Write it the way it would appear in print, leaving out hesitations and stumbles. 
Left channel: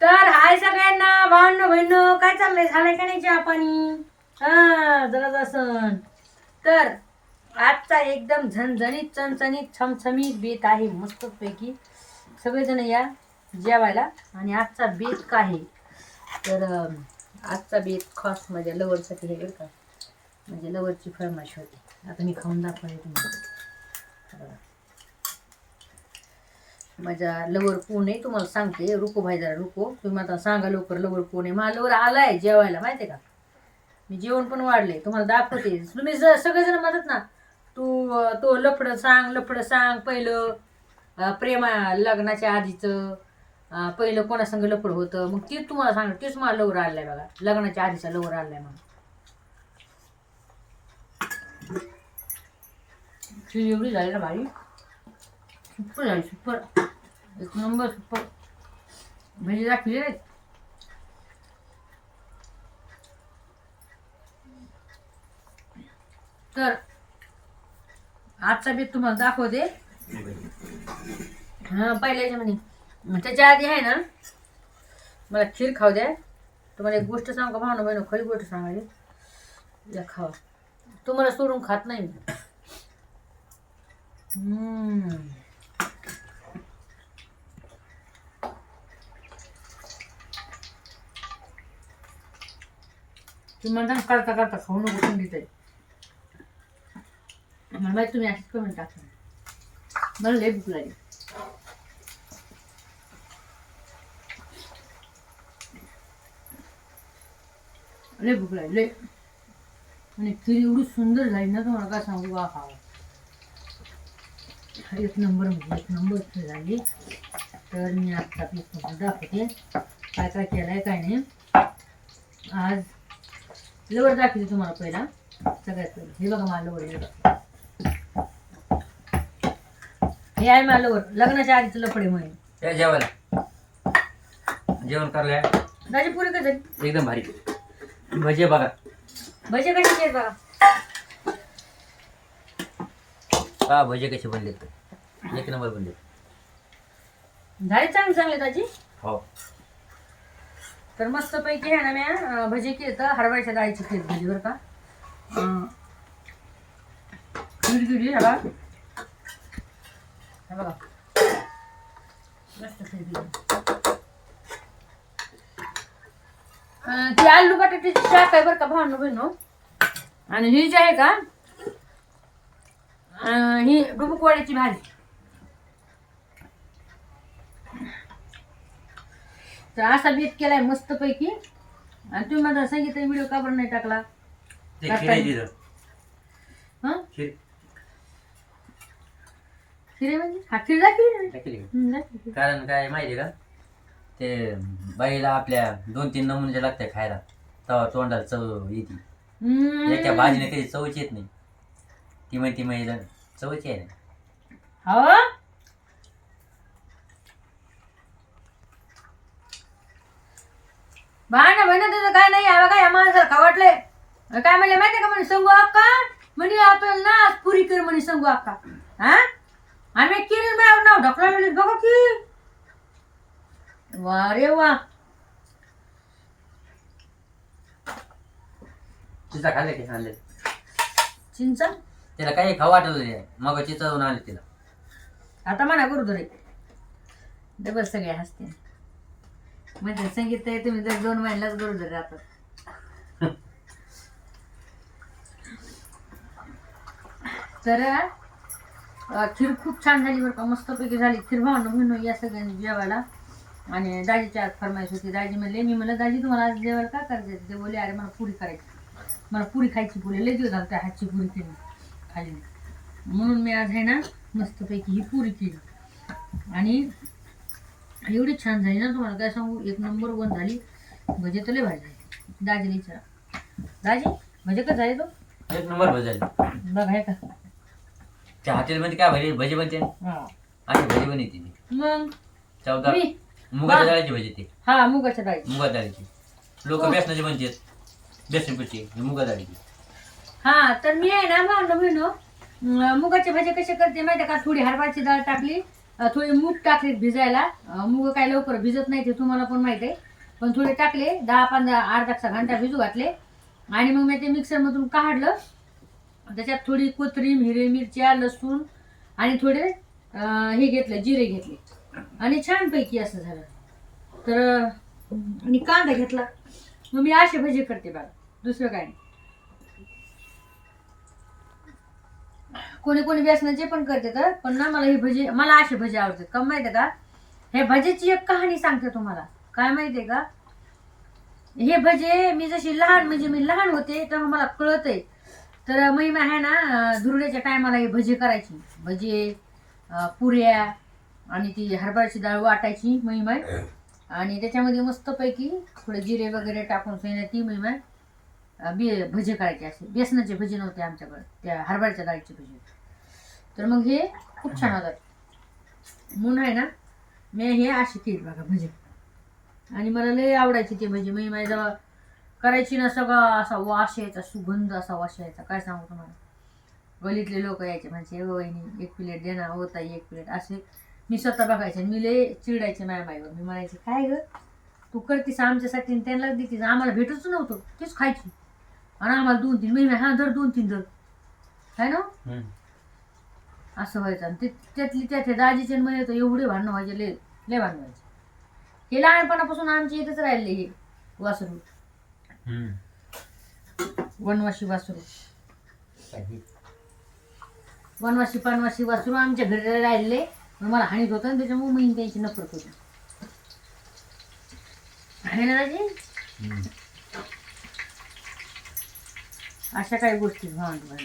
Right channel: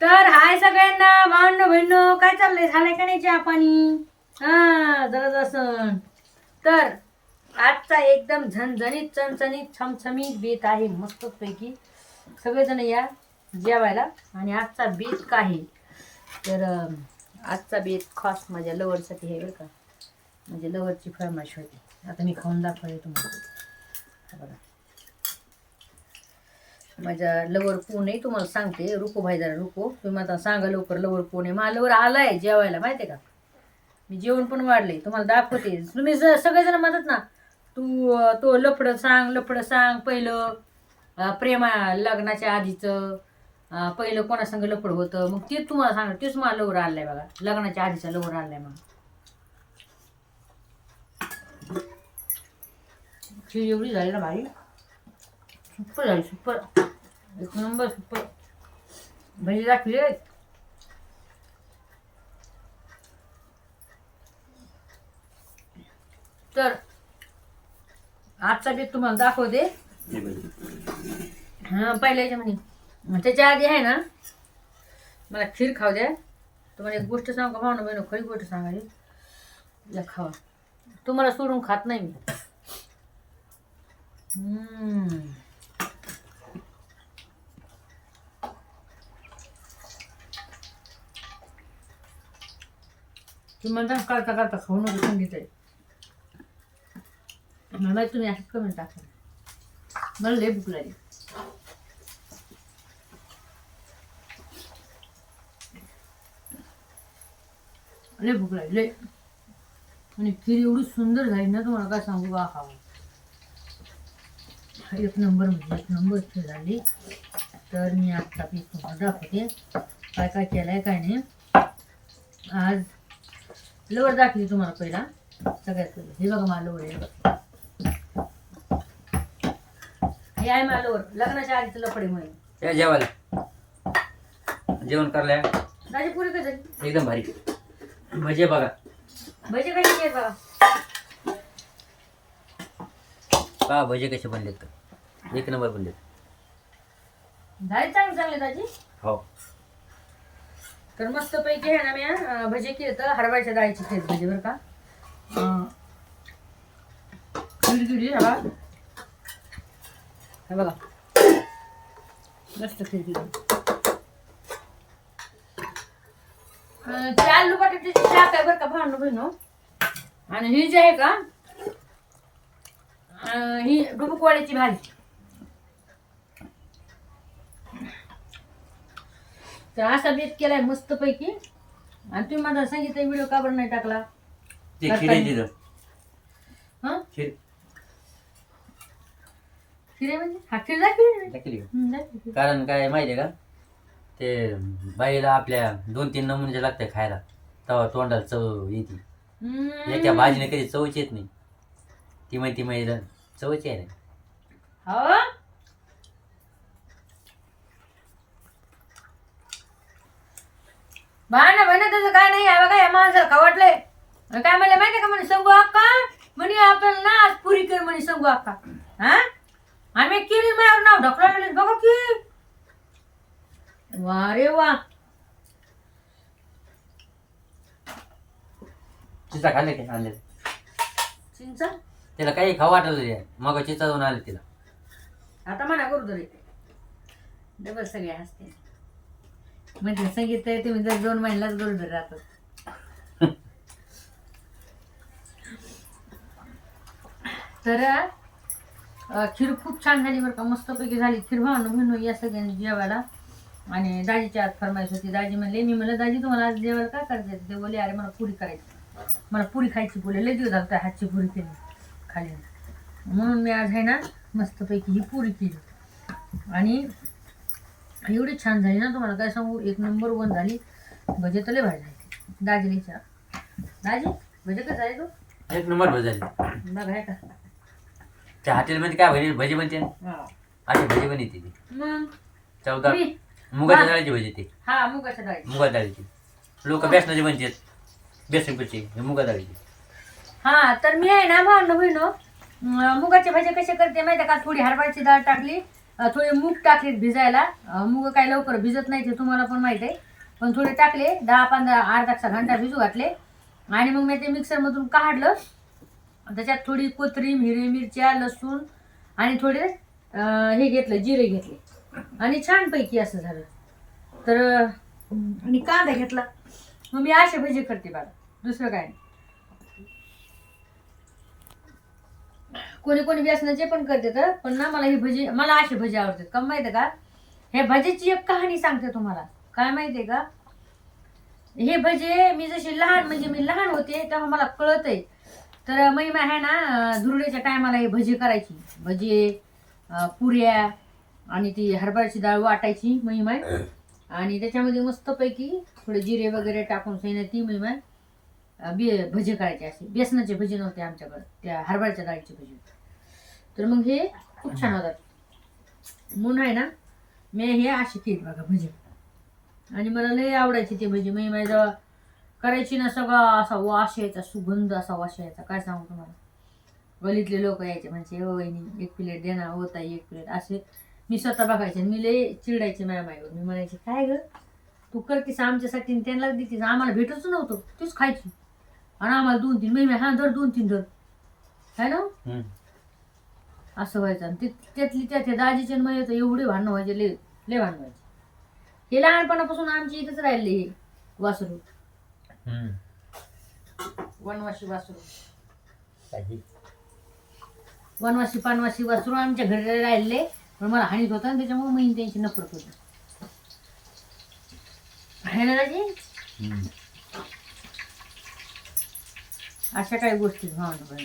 तर हाय सगळ्यांना भावनो बहिणो, काय चाललंय? झालंय का नाही चहा पाणी? हा जरा असं. तर आजचा एकदम झणझणीत चणचणीत छमछमीत बेत आहे मस्त पैकी. सगळेजण या जेवायला. आणि आजचा बेत काय आहे तर आजचा बेत खास माझ्या लवरसाठी आहे बरं का. म्हणजे लवरची फरमाईश होती. आता मी खाऊन दाखवते तुम्हाला. बघा माझ्या लवर कोण आहे तुम्हाला सांगते. रुको भाई जरा रुको. तुम्ही आता सांगा लवकर लवर कोण आहे. माझा लवर आलाय जेवायला माहिती आहे का. मी जेवण पण वाढले तुम्हाला दाखवते. तुम्ही सगळेजण म्हणतात ना तो लफडं सांग पहिलं प्रेमा लग्नाच्या आधीचं पहिलं कोणासंग लफड होतं. मग तेच तुम्हाला सांग. तेच मला लवर आणलाय बघा. लग्नाच्या आधीचा लवर आणलाय मला. एवढी झाली ना भारी. सुपर झाली सुपर. एक नंबर सुपर. भजी दाखवली. तर आजचा बेत तुम्हाला दाखवते. हा पहिल्याच्या म्हणे त्याच्या आधी आहे ना मला खीर खाऊ द्या. तुम्हाला एक गोष्ट सांगू का भावना बहिण, खरी गोष्ट सांगायची. या खावा. तुम्हाला सोडून खात नाही मी. तुम्ही म्हणता करता करता खाऊ नको थंडीत आहे. मला माहिती तुम्ही अशीच कमेंट टाकता. मला लय भूक लागली. लय भूक लागली लय. आणि खीर एवढी सुंदर झाली ना तुम्हाला काय सांगू का. खावा एक नंबर म्हणजे एक नंबर खीर झाली. तर मी आजचा पीस तुम्हाला दाखवते काय काय केलंय काय नाही. आज लवर दाखवते तुम्हाला पहिला. सगळ्यात पहिलं हे बघा मला लवर आहे. हे आहे मला लवर लग्नाच्या आधीचं लफडे म्हणून. जेवायला जेवण करल्या दाजी पुरी कसं एकदम भारी. भजे बघा. भजे कसे केले बघा. का भजे कसे बनलेत तर एक नंबर बनलेत. झाले चांगले चांगले दाजी. हो. तर मस्त पैकी आहे ना मी भजे केले तर हरभऱ्याच्या डाळीची खीर भजी बरं का. खीर केली हवा. हे बघा मस्त खीर केली. ती आलू बटाट्याची शाक आहे बरं का भावनो बहिणो. आणि ही जी आहे का ही डुबुकवाड्याची भाजी. तर असा बेत केलाय मस्त पैकी. आणि तुम्ही माझा सांगितलं व्हिडिओ का बरं नाही टाकला. ते खिरे हा खीर खिरे म्हणजे हा खीर दाखवली. दाखवली. कारण काय माहिती आहे का ते बाईला आपल्या 2-3 नमुने लागतात खायला तेव्हा तोंडाला चव येते. एका भाजीने कधी चवच येत नाही. ती माहिती चवच आहे ना. हो भांडण बहिण त्याचं काय नाही. बघा या माणसाला खवटलंय. काय म्हणले माहिती का म्हणे संगू अक्का म्हणे आपल्याला ना आज पुरी कर म्हणे संगू अक्का. हा आम्ही केली माझ्यावर नाव ढकलले बघा की. वा रे वा. चिचा खाल्ले की आणले चिंचा त्याला काही खाऊ वाटत होते. मग चिचा जाऊन आले तिला. आता म्हणा करू रे डबल सगळे हसते. म्हणजे सांगितलंय तुम्ही जर 2 महिन्यालाच गरोदर राहतात. तर खीर खूप छान झाली बरं का. मस्तपैकी झाली खीर. भावनो बहिणो या सगळ्यांनी जेवायला. आणि दाजीच्या आज फरमाईश होती. दाजी म्हणले मी म्हणलं दाजी तुम्हाला आज जेवायला काय करायचं. ते बोले अरे मला पुरी करायची. मला पुरी खायची बोले. लय दिवस झाला हातची पुरी केली खाली. म्हणून मी आज आहे ना मस्तपैकी ही पुरी केली. आणि एवढी छान झाली ना तुम्हाला काय सांगू. एक नंबर 1 झाली. भजे तले भाजी झाली. दाजीने विचारा दाजी भजे कसं झाले तो. एक नंबर भजी झाली. बघा हे का त्या हॉटेलमध्ये काय भजी बनते अशी भजी बनते ती. मग चौदा मुगाच्या डाळीची भजी ती. हा मुगाच्या डाळी. मुगा डाळीची. लोक बेसनाची बनतात. बेसन पिठी मुगा डाळीची. हा तर मी आहे ना भावनो बहिणो मुगाचे भजे कसे करते माहिती का. थोडी हरभऱ्याची डाळ टाकली थोडे मूग टाकले भिजायला. मूग काय लवकर भिजत नाही ते तुम्हाला पण माहीत आहे, पण थोडे टाकले 10-15 अर्धा घंटा भिजू घातले आणि मग मी ते मिक्सरमधून काढलं. त्याच्यात थोडी कोथिंबीर, हिरवी मिरच्या, लसूण आणि थोडे हे घेतलं, जिरे घेतले आणि छानपैकी असं झालं. तर आणि कांदा घेतला. मग मी असे भजी करते बघा, दुसरं काय नाही. कोणी कोणी बेसनाचे पण करते तर, पण ना मला ही भजी, मला असे भजी आवडतात. का माहिती का, हे भजीची एक कहाणी सांगते तुम्हाला. काय माहितीये का, हे भजे मी जशी लहान, म्हणजे मी लहान होते तेव्हा मला कळत आहे. तर महिमा आहे ना, धुरड्याच्या टायमाला हे भजी करायची. भजे, पुऱ्या आणि ती हरभऱ्याची डाळ वाटायची महिमा, आणि त्याच्यामध्ये मस्तपैकी थोडे जिरे वगैरे टाकून सैन्या ती महिमा भजी करायचे. असे बेसनाचे भजी नव्हते आमच्याकडे, त्या हरभऱ्याच्या डाळीचे भजी. तर मग हे खूप छान होतात. म्हणून आहे ना, मी हे अशी केली बघा भजी, आणि मला लई आवडायची ते भजी. महिमा जेव्हा करायची ना, सगळा असा वास यायचा, सुगंध असा वास यायचा, काय सांगू तुम्हाला. गलीतले लोक यायचे, म्हणजे ओ वहिनी एक प्लेट दे ना, ओ ताई एक प्लेट, असे मी स्वतः बघायचे. मी लय चिडायचे माझ्या माईवर. मी म्हणायचे काय ग तू करतीस आमच्यासाठी आणि त्यांना देतीस, आम्हाला भेटच नव्हतं, तीच खायची आणि आम्हाला 2-3 महिने हा धर 2-3 धर, है ना. असं व्हायचं. आणि त्यातली त्यात हे दाजीचे मध्ये तर एवढे भांडणं व्हायचे, लय भांडणं व्हायचे. हे लहानपणापासून आमच्या इथेच राहिले हे वासरू, वनवासी वासरू, वनवासी पानवासी वासरू आमच्या घरी राहिले. पण मला हानीत होतं, आणि त्याच्यामुळे मी त्यांची नफरत होती. आहे ना दाजी, अशा काही गोष्टी भावना.